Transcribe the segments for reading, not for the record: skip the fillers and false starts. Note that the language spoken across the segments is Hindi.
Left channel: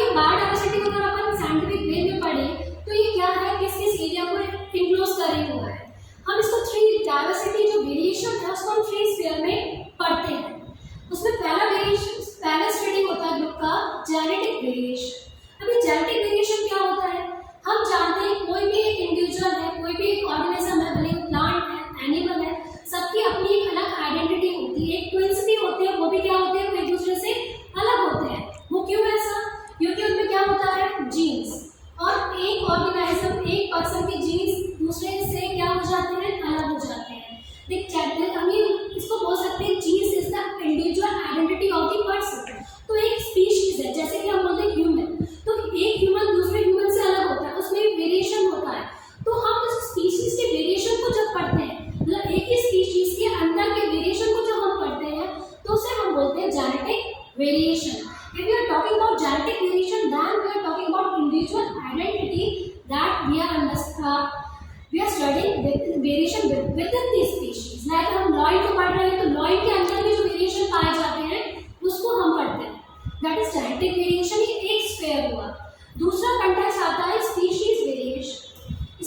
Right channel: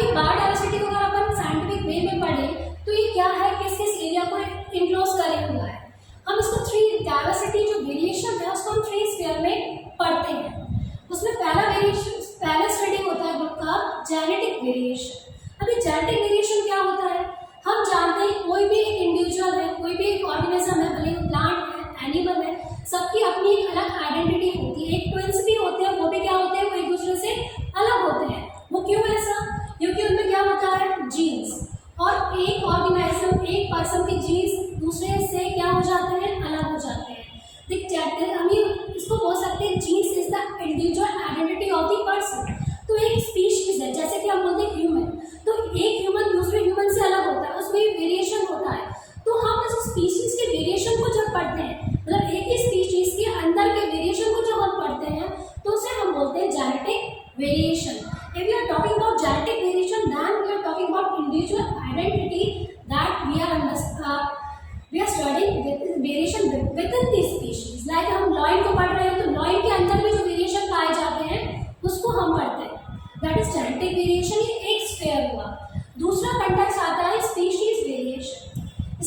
ये बायोडायवर्सिटी को अगर अपन साइंटिफिक वे में पढ़े तो ये क्या है, किस किस एरिया को इनक्लोज करे हुआ है। हम इसको थ्री डायवर्सिटी जो वेरिएशन है उसको हम थ्री स्फीयर में पढ़ते हैं। उसमें पहला वेरिएशन, पहला स्टडी होता है ग्रुप का जेनेटिक वेरिएशन। अभी जेनेटिक वेरिएशन क्या होता है, हम जानते हैं कोई भी एक इंडिविजुअल है, कोई भी एक ऑर्गेनिज्म है, भले प्लांट है, एनिमल है, सबकी अपनी एक अलग आइडेंटिटी होती है। एक ट्विंस भी होते हैं, वो भी क्या होते हैं, वो एक दूसरे से अलग होते हैं। वो क्यों ऐसा, क्योंकि उनमें क्या होता है, जीन्स, और एक ऑर्गेनाइज्म, एक पर्सन के जीन्स दूसरे से क्या हो जाते हैं, अलग हो जाते हैं। हम इसको बोल सकते हैं genes is the individual identity of the person. तो एक स्पीशीज है, जैसे कि हम बोलते हैं ह्यूमन, तो एक ह्यूमन दूसरे ह्यूमन से अलग होता है, उसमें भी वेरिएशन होता है। तो हम इस स्पीशीज के वेरिएशन को जब पढ़ते हैं, मतलब एक ही स्पीशीज के अंदर के वेरिएशन को जब हम पढ़ते हैं तो उसे हम बोलते हैं genetic variation. If we are talking about genetic variation, then we are talking about individual identity that we are studying variation within the species. Like हम लॉयन को पढ़ रहे हैं तो लॉयन के अंदर में जो वेरिएशन पाए जाते हैं उसको हम पढ़ते हैं, that is genetic variation। ये एक स्फीयर हुआ। दूसरा कंटेक्स्ट आता है स्पीशीज वेरिएशन।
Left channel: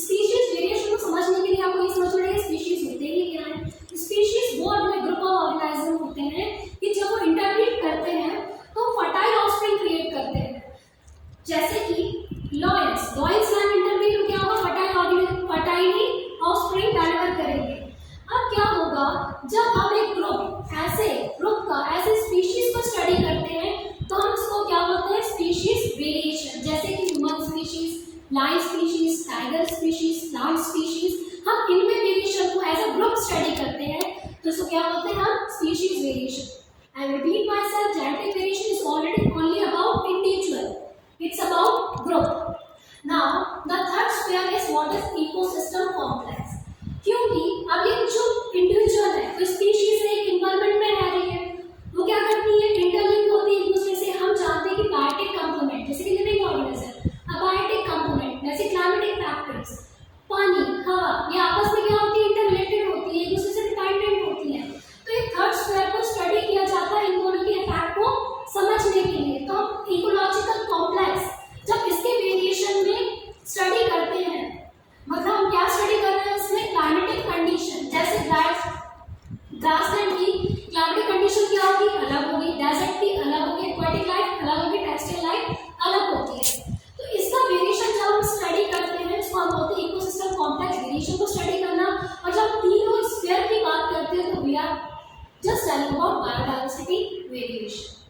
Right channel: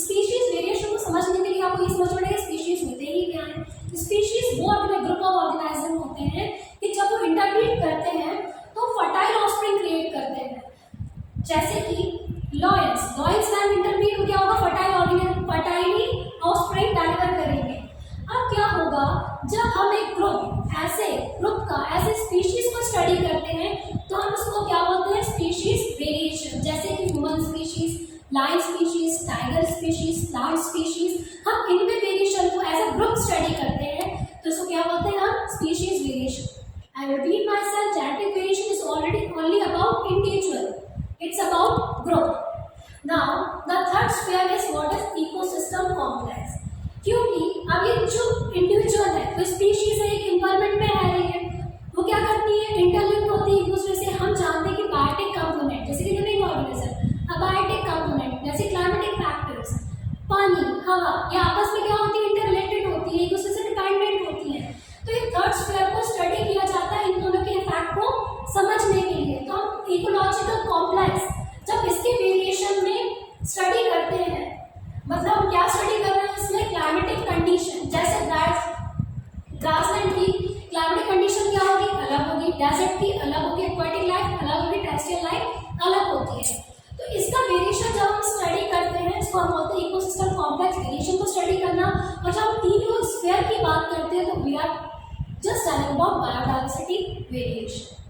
स्पीशीज वेरिएशन को समझने के लिए आपको ये समझ पड़ेगा स्पीशीज होते ही क्या है। स्पीशीज वो अपने ग्रुप ऑफ ऑर्गेनाइज्म होते हैं कि जब वो इंटरब्रीड करते हैं तो फर्टाइल ऑफस्प्रिंग क्रिएट करते हैं। जैसे कि लॉयंस लैंड इंटरब्रीड में क्या होगा, फर्टाइली ऑफस्प्रिंग डिलीवर करेंगे। अब क्या होगा, जब हम एक ग्रुप का ऐसे स्पीशीज को स्टडी करते हैं तो हम उसको क्या बोलते हैं, स्पीशीज वेरिएशन। जैसे कि human species, lion species, tiger species, plant species, हम इनमें वेरिएशन को एज अ ग्रुप स्टडी करते हैं तो इसको क्या बोलते हैं हम, species variation. I repeat myself, genetic variation is only about individual. It's about group. Now, the third sphere is what is ecosystem complex. क्योंकि अब ये जो इंडिविजुअल है, कोई स्पीशीज है, एक इन्वायरमेंट में रह रही है, वो क्या करती है, इंटरलिंक होती है एक दूसरे से। हम जानते हैं कि बायोटिक कंपोनेंट जैसे कि लिविंग ऑर्गेनिज्म, अबायोटिक कंपोनेंट जैसे क्लाइमेटिक फैक्टर्स, पानी, हवा, ये आपस में क्या होती है, इंटररिलेटेड होती है, एक दूसरे से डिपेंडेंट होती है। तो ये थर्ड स्फीयर को स्टडी किया जाता है इन दोनों के इफेक्ट को समझने के लिए। तो हम इकोलॉजिकल कॉम्प्लेक्स जब इसके वेरिएशन में स्टडी करते हैं, मतलब हम क्या स्टडी कर रहे हैं, इसमें क्लाइमेटिक कंडीशन, जैसे ग्रासलैंड की क्लाइमेटिक कंडीशन क्या होगी, अलग होगी, डेजर्ट की अलग होगी, एक्वाटिक लाइफ अलग होगी, टेरेस्ट्रियल लाइफ अलग होती है। तो इसका वेरिएशन जब हम स्टडी करते हैं इसको हम बोलते हैं इकोसिस्टम कॉम्प्लेक्स वेरिएशन को स्टडी करना। और जब हम तीनों स्फीयर की बात करते हैं तो we are just telling about biodiversity variation.